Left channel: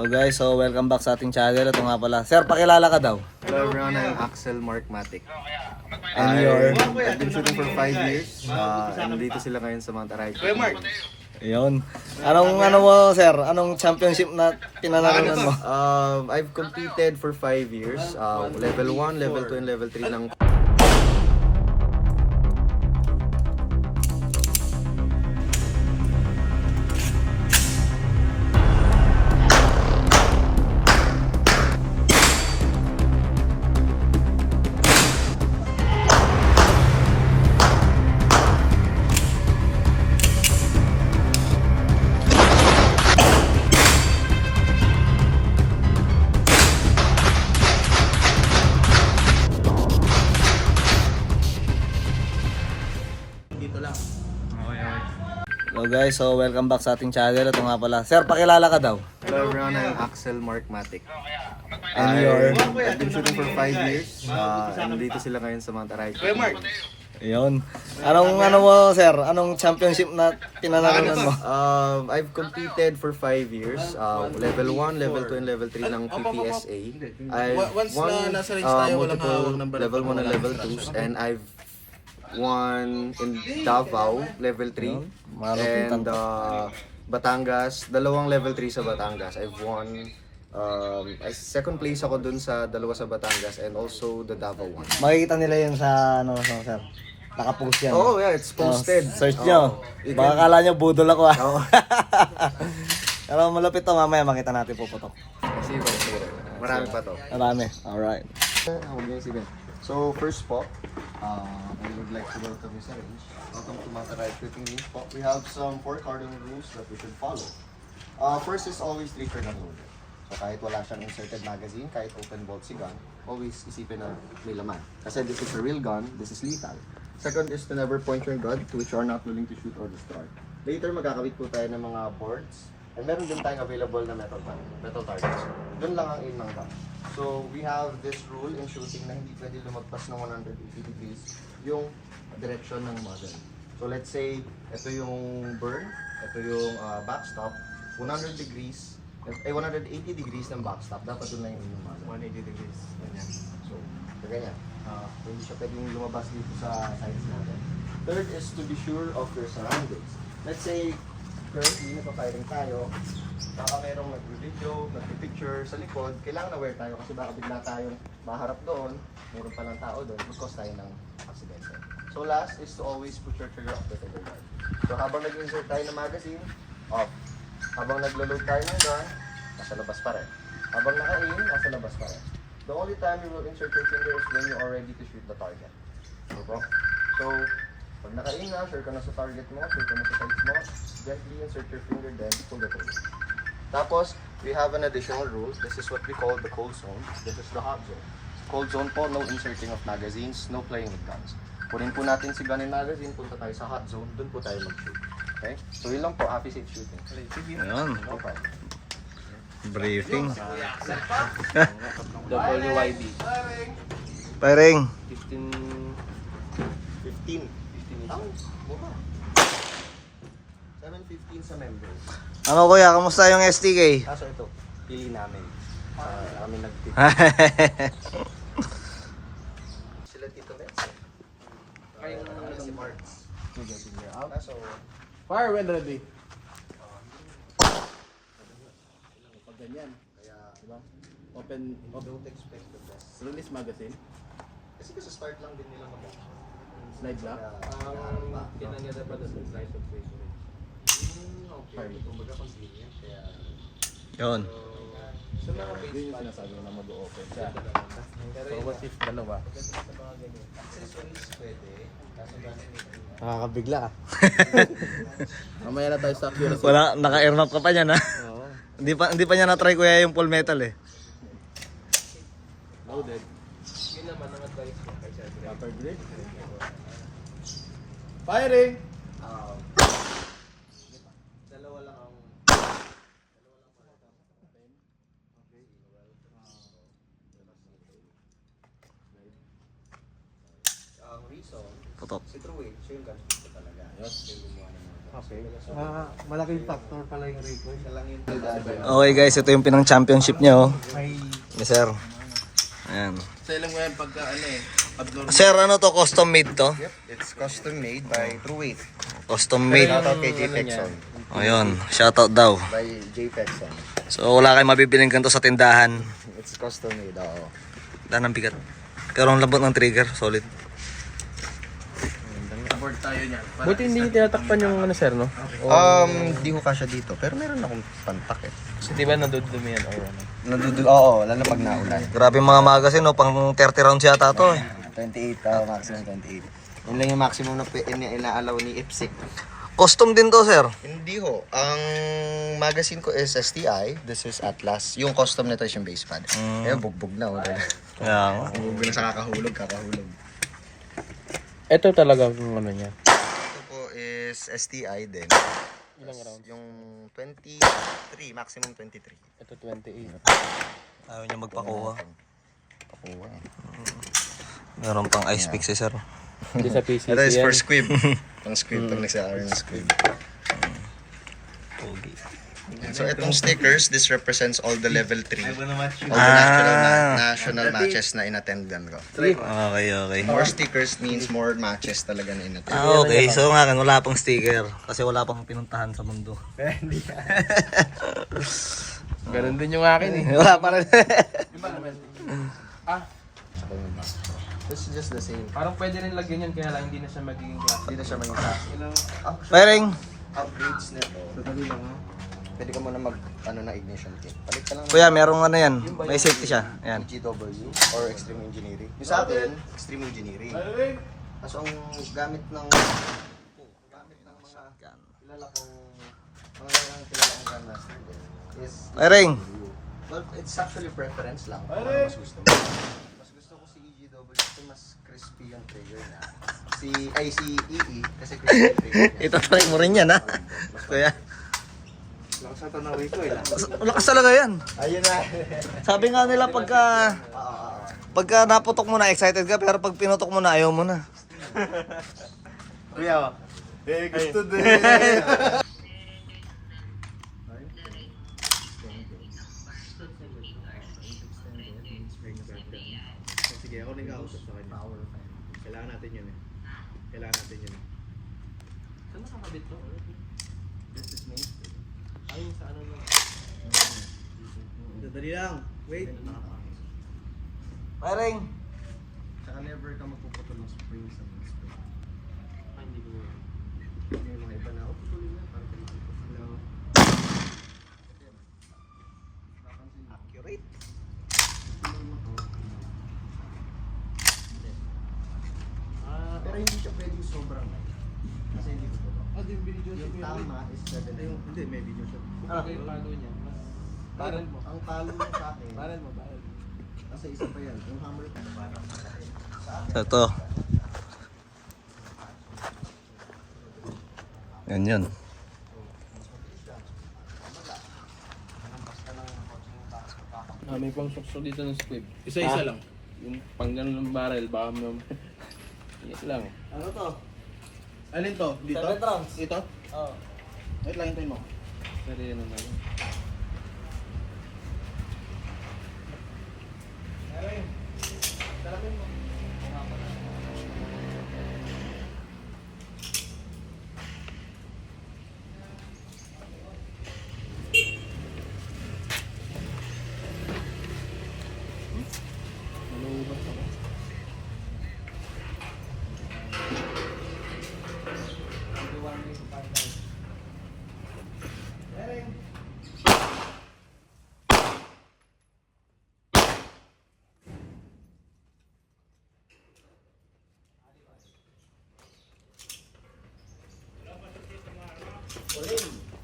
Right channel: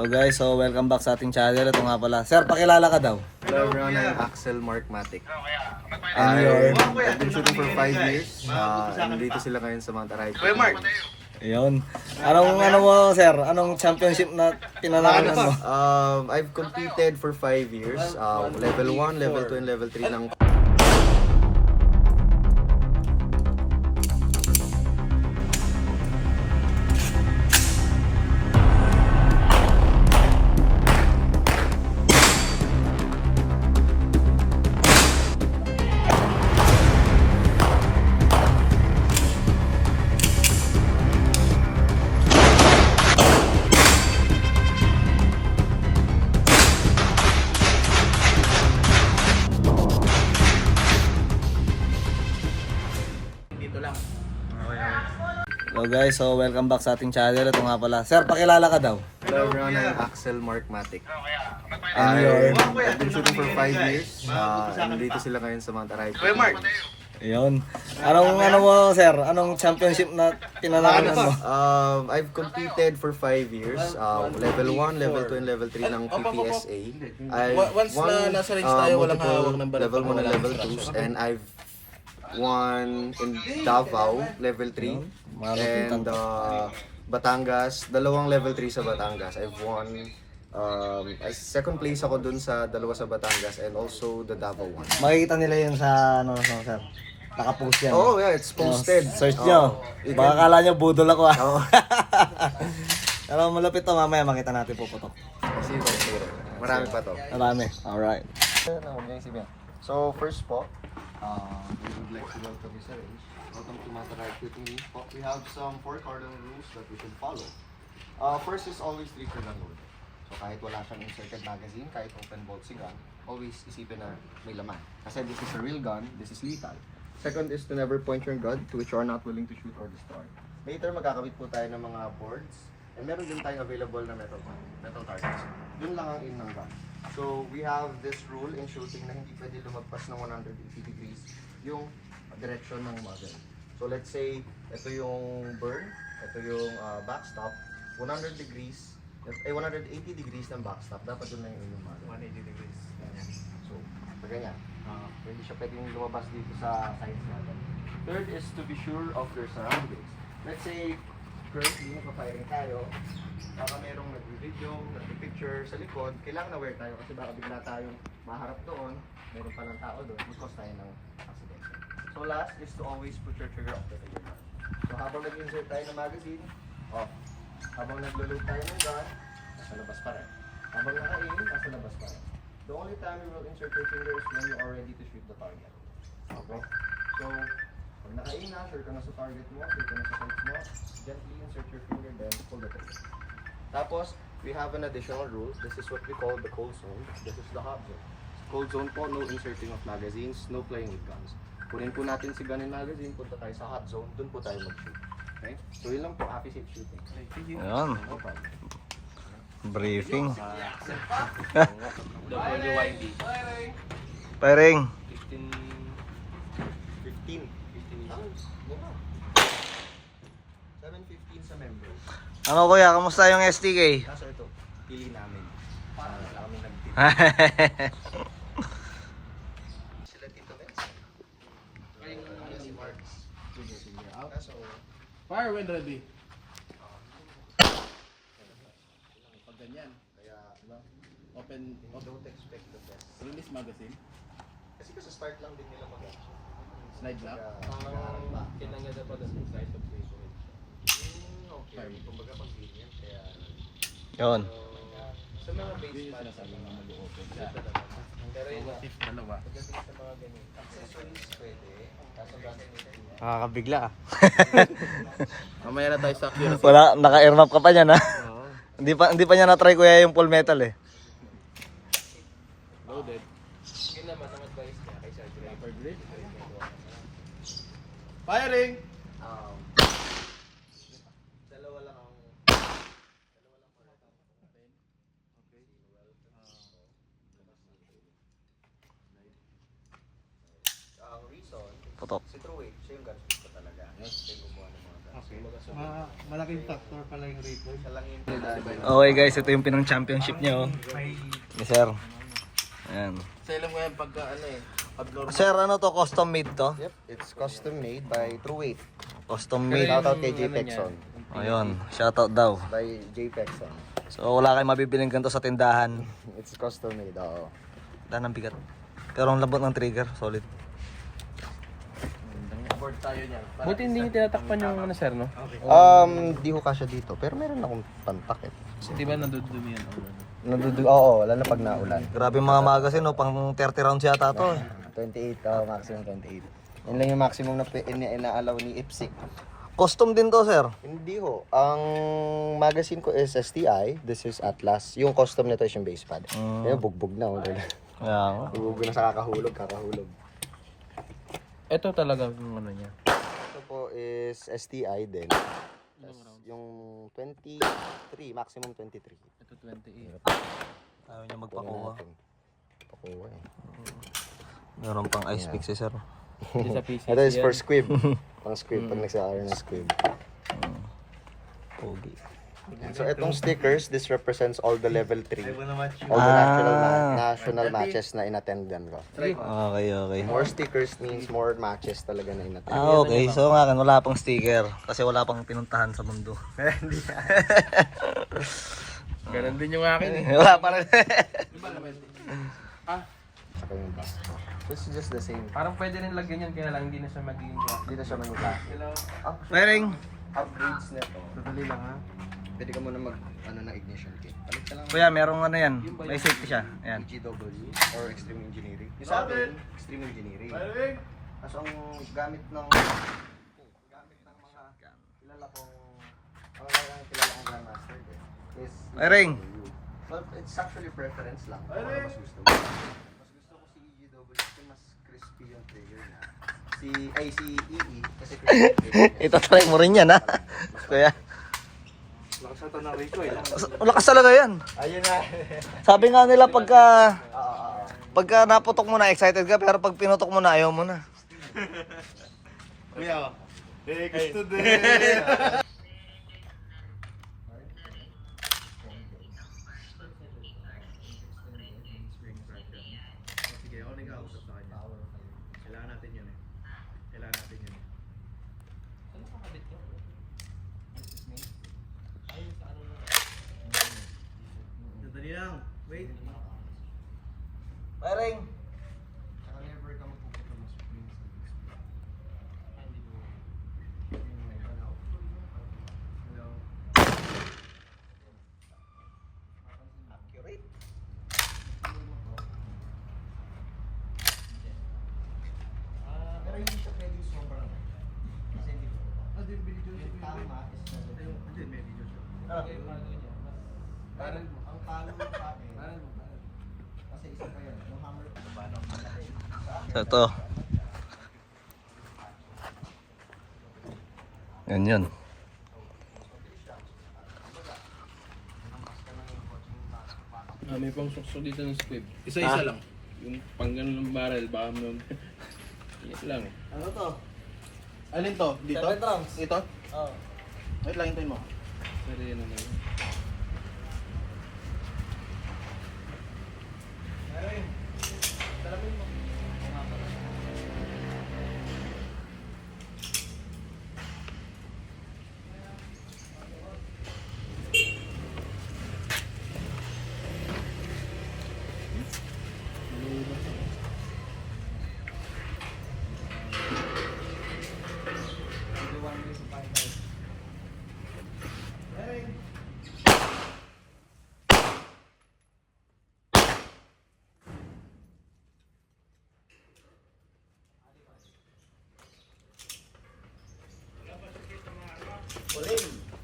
Hello guys, so welcome back sa ating channel. Ito nga pala. Sir, pakilala ka daw. Hello everyone, I'm Axel Mark Matic. And your... I've been shooting for 5 years. And dito sila ngayon sa Mount Aray. Ayun. Ano mo, sir? Anong championship na pinanalunan mo? I've competed for 5 years. Level 1, level 2, and level 3 ng... Hello guys, so welcome back sa ating channel. Ito nga pala. Sir, pakilala ka daw. Hello everyone, I'm Axel Mark Matic. And your... I've been shooting for 5 years. And dito sila ngayon sa Mount Aray. Ayun. Ano mo, sir? Anong championship na pinanalunan mo? I've competed for 5 years. Level 1, level 2, and level 3 ng PPSA. I've won multiple level 1 and level 2s, and I've won in Davao level 3 and Batangas, dalawang level 3 sa Batangas. I've won second place ako dun sa dalawa sa Batangas and also the Davao one. Makikita nila yun sa sir. Nakapost yan. Oh yeah, it's posted. Search nyo. Baka kala nyo budol ako Oh. Pero malapit to, mamaya makita natin puputok. Sige. Marami pa to. Marami. Alright. So first po, we would like to welcome Mr. Range. Welcome to Mount Aray Shooting Range po. We have some 4 cardinal rules that we should follow. First is always trigger gun loaded. So kahit wala siyang inserted magazine, kahit open bolt si gun, always isipin na may laman. Kasi this is a real gun, this is lethal. Second is to never point your gun to which you are not willing to shoot or destroy. Later magkakabit po tayo ng mga boards. And meron din tayong available na metal targets. Doon lang ang aim ng gun. So we have this rule in shooting na hindi pwede lumagpas ng 180 degrees yung direction ng muzzle. So let's say, ito yung burn, ito yung backstop, 180 degrees ng backstop, dapat doon lang yung muzzle. 180 degrees. Ganyan. So, ganyan. Hindi siya pwedeng lumabas dito sa sides natin. Third is to be sure of your surroundings. Let's say, currently, nagpa-firing tayo, baka merong nag-video, nag-picture sa likod, kailangan aware tayo kasi baka bigla tayong maharap doon, meron palang tao doon, mag-cause tayo ng aksidente. So last is to always put your trigger off the trigger guard. So habang nag-insert tayo ng magazine, off. Habang naglo-load tayo ng gun, nasa labas pa rin. Habang naka-aim, nasa labas pa rin. The only time you will insert your finger is when you are ready to shoot the target. Okay? So, pag naka-aim na, sure ka na sa target mo, sure ka na sa sights mo, gently insert your finger, then pull the trigger. Tapos, we have an additional rule. This is what we call the cold zone. This is the hot zone. Cold zone po, no inserting of magazines, no playing with guns. Punin po natin si gun and magazine, punta tayo sa hot zone, dun po tayo mag-shoot. Okay? So yun lang po, happy safe shooting. Ayan. Okay. Briefing. WYB. Firing. 15. 7:15 sa member. Ano kuya, kamusta yung STK? Kaso ito, pili namin. Wala kami nag-pili. Sila Tito Benz. Ay, si Marks. Kaso, Fire when ready. Pag ganyan, kaya, diba? Open don't expect the best. release magazine, Kasi sa start lang din nila mag slide lock, Kinanya pa sa slice of fish. fire mo. kumbaga convenient. Kaya, Yun. Yun yung sinasabi na mag-open siya. So what if dalawa? accessories pwede. Kaso Nakakabigla ka. Mamaya na tayo sa accuracy. Wala, naka-airmap ka pa niyan ha? Oo. Hindi pa niya na-try kuya yung full metal eh. Loaded. Yun naman ang advice niya kay Sir Greg. Upper grade. Firing! dalawa lang ang reason Putok. si True siya yung guns talaga. Yes. Okay. Malaking factor pala yung recoil. Okay guys, ito yung pinang championship niya oh. May Yes, sir. Ayan. Sa ilang ngayon pagka ano eh, abnormal. Sir, ano to? Custom made to? Yep, it's custom made by True 8. Custom made. Shoutout kay J. Pexon. Ayun, shoutout daw. By J. Pexon. So wala kayong mabibiling ganito sa tindahan. It's custom made, oo. Dahil ng bigat. Pero ang lambot ng trigger, solid. Board tayo niyan. Buti hindi niyo tinatakpan yung ano sir, no? Di ko kasya dito, pero meron akong pantak eh. Kasi di ba nadudumi yan? Oo, lalo na pag naulan. Grabe yung mga magazine, no? Pang 30 rounds yata to eh. 28, maximum 28. Yun lang yung maximum na inaalaw ni IPSC. Custom din to, sir. Hindi ho. Ang magazine ko is STI. This is Atlas. Yung custom nito is yung base pad. Kaya bugbog na. Kaya, Bugbog na sa kakahulog. Ito talaga yung ano niya. Ito po is STI din. Yung 23, maximum 23. Ito 28. ayaw niya magpakuha. Pakuha eh. Meron pang ice pick si sir. Hindi sa PCC Ito is yan. for squib. Pang squib, pag nagsakari ng squib. Pogi. So itong stickers, this represents all the level 3. All the national matches na inattendan ko. Okay. More stickers means more matches talaga na inattend. Okay. So nga, wala pang sticker. Kasi wala pang pinuntahan sa mundo. Ganun din yung akin eh. Wala pa rin. This is just the same. Parang pwede rin lagyan yan kaya lang hindi na siya magiging gas. Hindi na siya maging class. Firing. Upgrades nito. Pwede ka muna mag na ignition kit. Palit ka lang ng Kuya, merong ano yan. May safety siya. Ayan. GW or Extreme Engineering. Yung sa akin, Extreme Engineering. Kaso ang gamit ng mga kilala kong grandmaster ko is Firing. But it's actually preference lang kung ano mas gusto mo. Mas gusto ko si EGW kasi mas crispy yung trigger niya. Si EE kasi crispy yung trigger niya. Itatry mo rin yan, ha? Kuya. lakas ito na recoil. Lakas talaga yan. Ayun na. Sabi nga nila pagka naputok mo na, excited ka. Pero pag pinutok mo na, ayaw mo na. Kuya, gusto din. Sige, ako nag-ausap sa kanya. Kailangan natin yun eh. Saan nakakabit to? Dali lang. Wait. Firing. Saka never ka magpuputol ng spring sa mga spring. Ay, hindi ko yun. Yung iba na, hello. Accurate. Pero hindi siya pwedeng sobrang. Kasi hindi ko. Hindi, video Yung tama is 70. Hindi, may video shot. Ito yung paano niya. Barrel mo. Ang talo mo sa akin. Barrel mo. Kasi isa pa yan. Yung hammer ko. Ito. Yan. May pang sukso dito ng squib. Isa-isa lang. Yung pang ganun ng barrel, baka mo. Inis lang. Ano to? Alin to? Dito? 7 rounds. Dito? Oo. Wait lang, hintayin mo. Pero yun naman.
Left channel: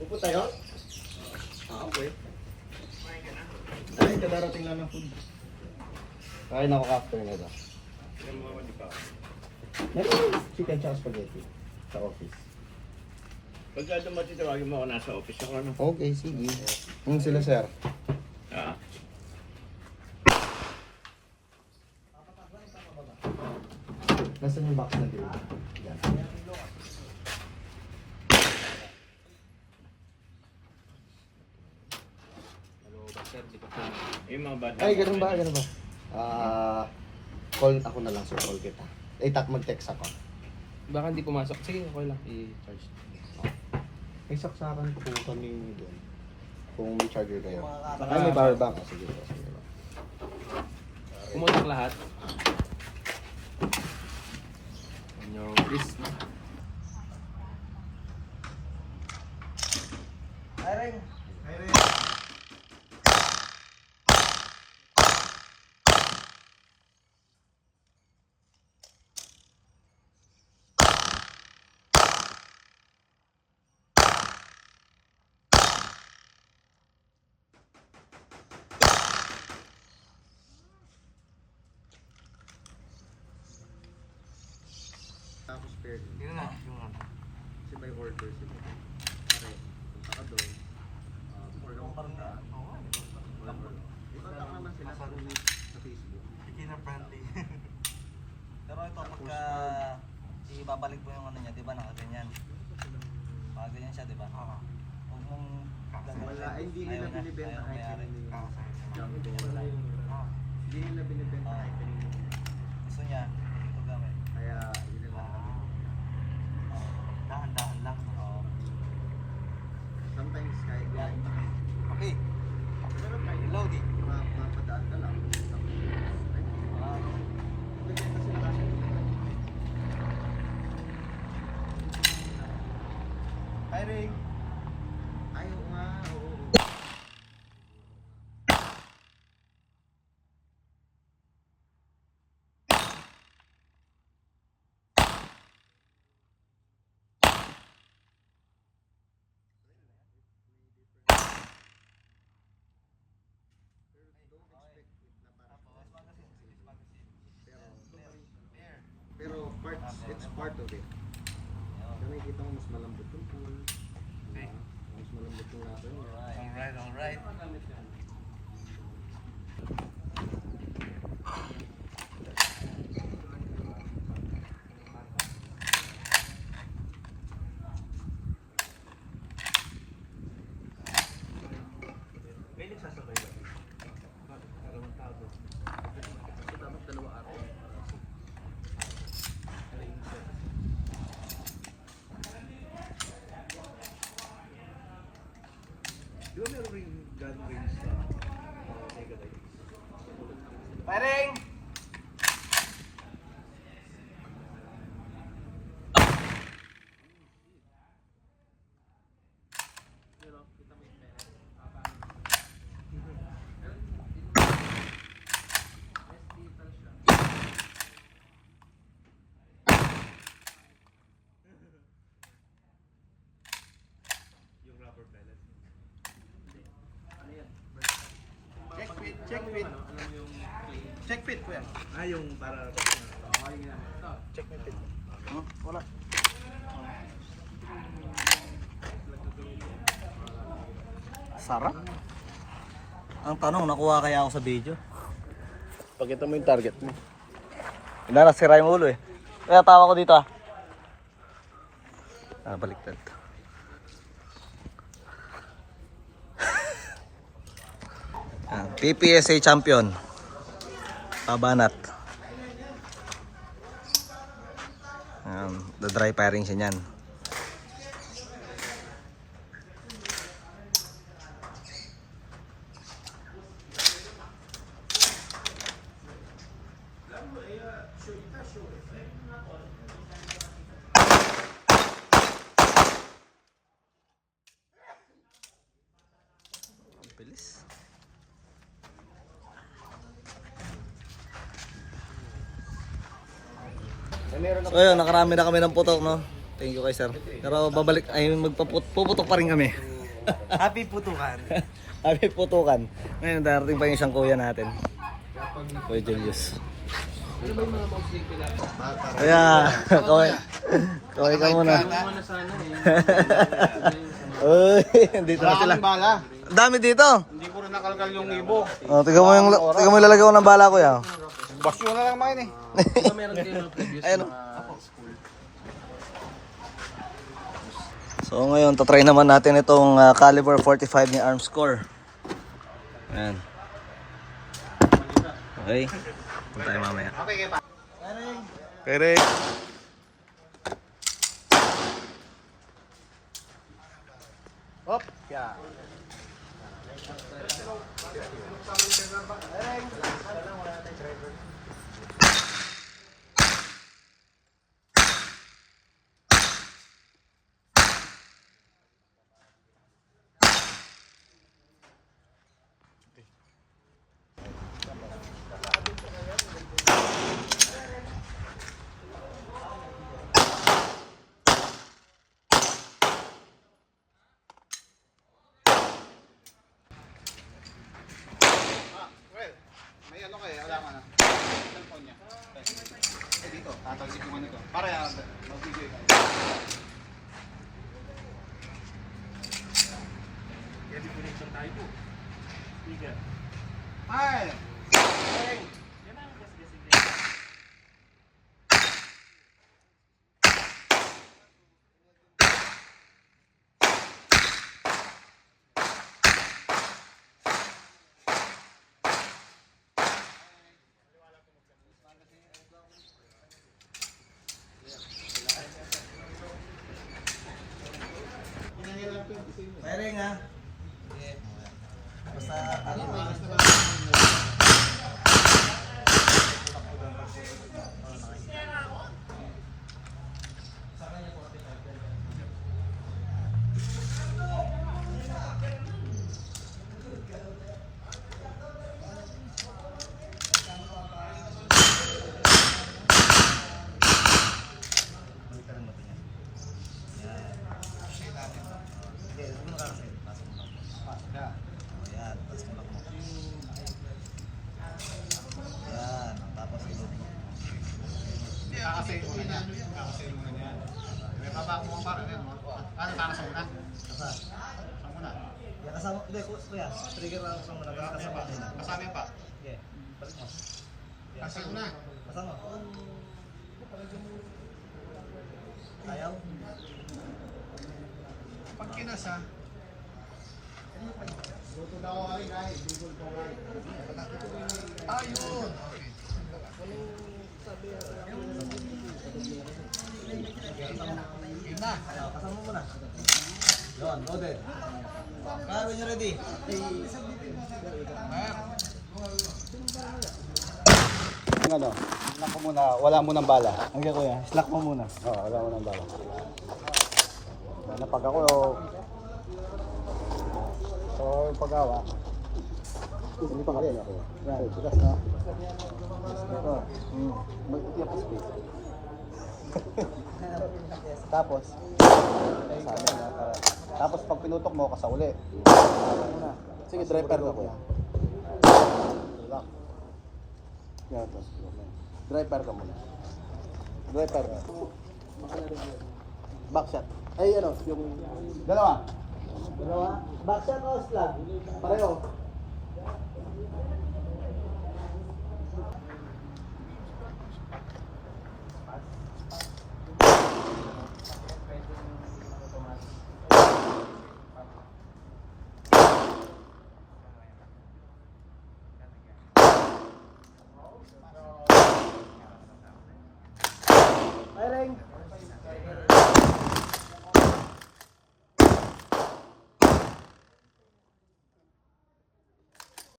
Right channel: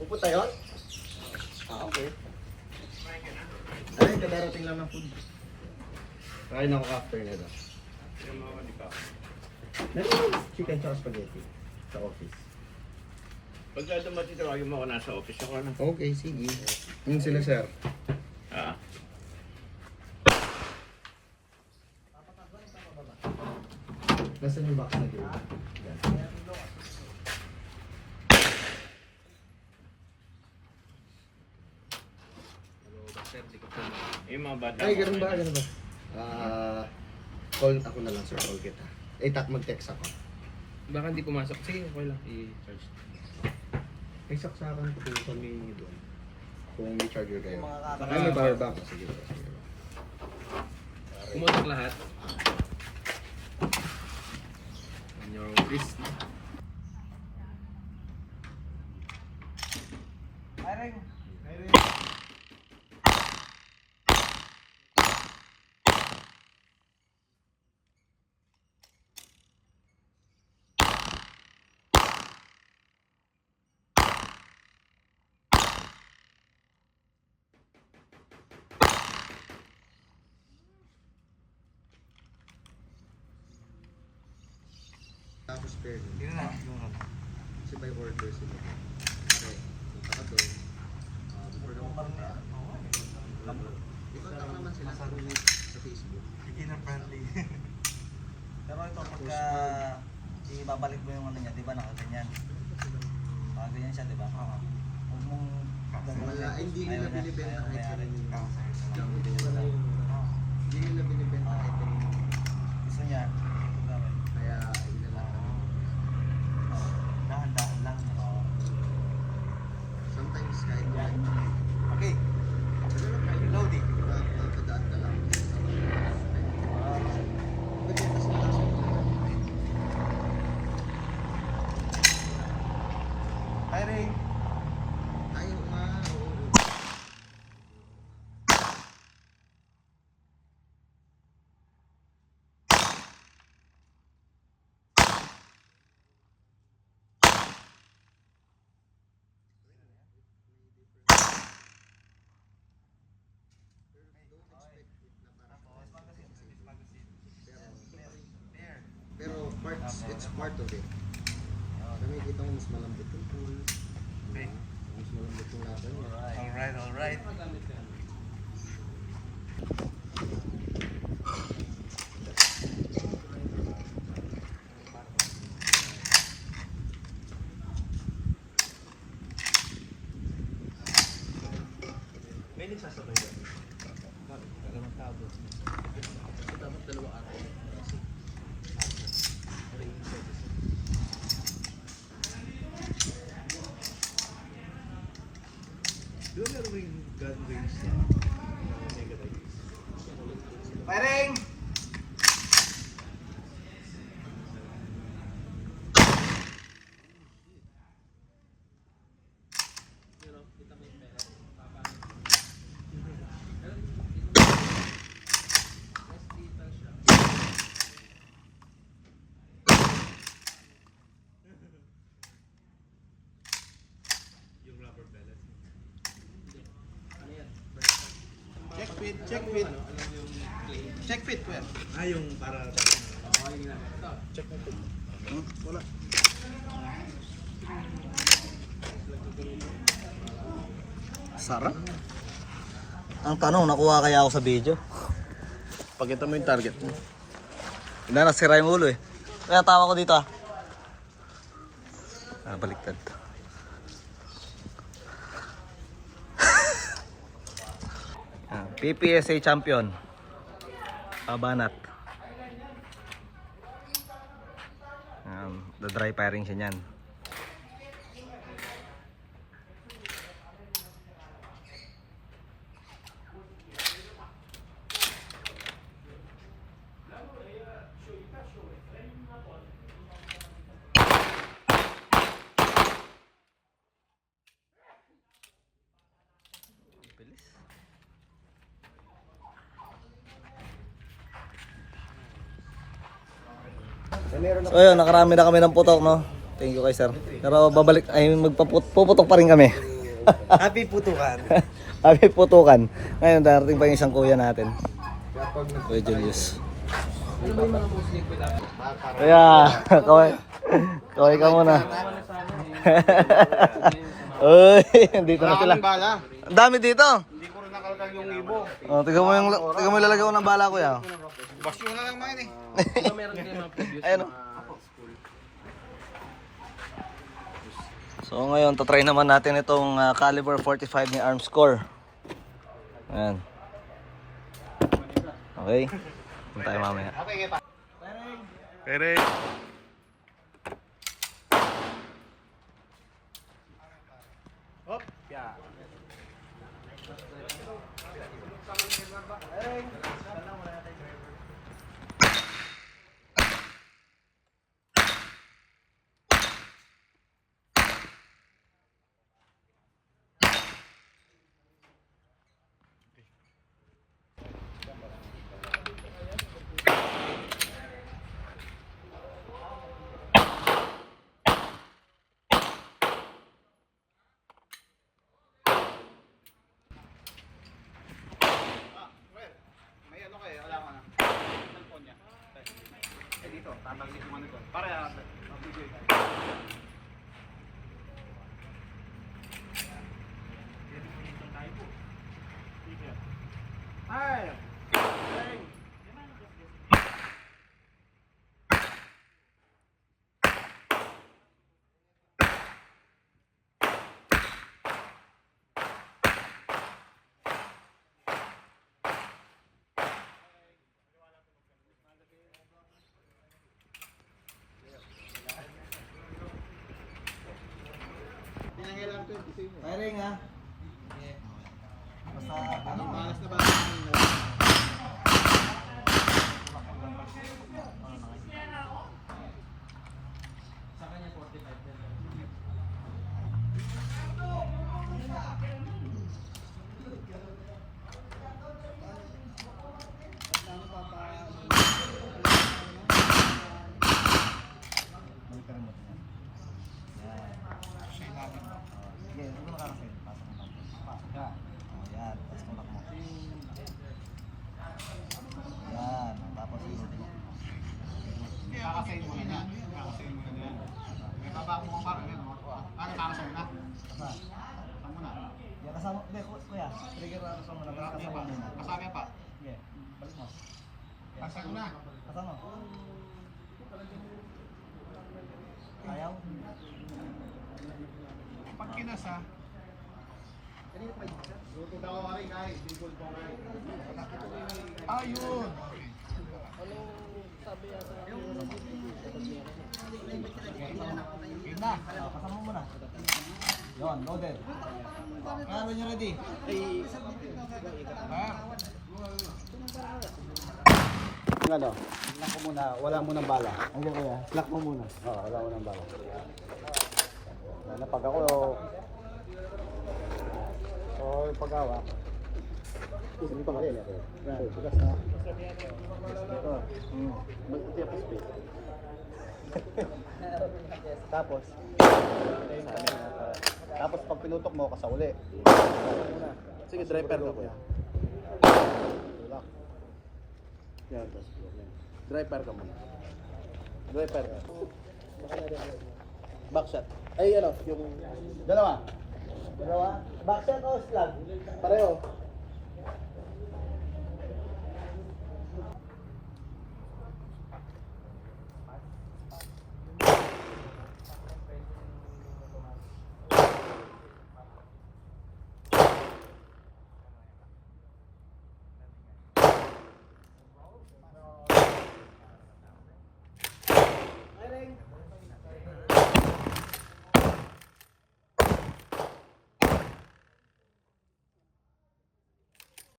Pupunta yun? Okay. Ay, kadarating lang ng food. Kain ako after nito. Chicken tsaka spaghetti sa office. Pagka dumating tawagin mo ako nasa office ako na. Okay, sige. Yung sila, sir. Ah. Nasaan yung box na dito? Yan. sir, di ko po. Yung mga bata. Ay, ganun ba? Call ako na lang, sir. Call kita. Mag-text ako. Baka hindi pumasok. Sige, okay lang. I-charge. May saksakan po kami doon. Kung may charger kayo. Mga Ay, may power bank. Sige. Pumunta lahat. On your list. Tapos spare din. Kasi may order sila. Okay. Punta ka doon. Ikaw taka naman sila sa Facebook. Beginner friendly. Pero ito pagka ibabalik mo yung ano niya, di ba nakaganyan? Nakaganyan siya, di ba? Oo. Huwag mong Wala, ay, hindi ayaw nila na, binibenta ayaw kahit mayari. kanino. Hindi Hindi nila binibenta kahit kanino. Gusto niya, ito gawin. Kaya hindi na. Dahan-dahan lang. Oo. Sometimes kahit Yan. Okay. Reloading. nakakadaan ka lang. Firing. Ayaw na. Pero it's part of it. Nakikita mo mas malambot yung tools. Okay. Mas malambot yung laban. Alright. Firing! Check fit ko yan. Ah, yung para... Wala. Sarap. Ang tanong, nakuha kaya ako sa video? Pakita mo yung target mo. Hindi na, nasira yung ulo eh. Kaya tawa ko dito ah. Baliktad. PPSA champion. Pabanat. The dry firing siya niyan. Ang bilis. So ayun, nakarami na kami ng putok, no? Thank you kay sir. Pero babalik, ay magpuputok pa rin kami. Happy putukan. Happy putukan. Ngayon, darating pa yung isang kuya natin. Kuya Julius. Ano ba yung mga most nila? Kaya, kaway ka muna. Ano sana eh. Uy, dito na sila. Ang dami dito. Hindi ko rin nakalkal yung ibo. Oh, tignan mo yung lalagay ko ng bala, kuya. Basyo na lang man eh. Diba meron kayo mga previous Ayun, mga school? So ngayon, tatry naman natin itong caliber 45 ni Armscore. Ayan. Okay. Punta tayo mamaya. Okay, Rick. Hop! Yeah. May ano kayo, wala ka na. Cellphone niya. Dito, tatalsik mo na ito. Para mag-video kayo. Ay! Mayroon nga. Basta ano mo. Ayan, tapos tumak mo. Ayan, tapos yun. Kakasayin mo na yan. Kakasayin mo na yan. May papako mo para rin. Ano kakasayin mo na? Saan mo na? Yan, kasama, hindi, kuya, trigger na kasama na. Kasama mo na. Kasama pa. Sige, balik mo. Kasama mo na. Kasama. Ayaw. Pag kinasa, ayun! Yun na. Kasama mo na. Yun, loaded. Kaya when you're ready. Ano? Slack ko muna. Wala mo ng bala. Hanggang kuya, slack mo muna. Oo, wala mo ng bala. Wala pag ako, yung pag-awa. Hindi pa kalil ako. Yan, tigas na. Ito. Mag-tiyak pa space. Tapos, tapos pag pinutok mo, kasauli. Sige, driver ko kuya. Relax. Yan, tapos. Driver ka muna. Driver ka. Backshot. Ay, ano, yung... Dalawa. Dalawa. Backshot o slack? Pareho. Firing.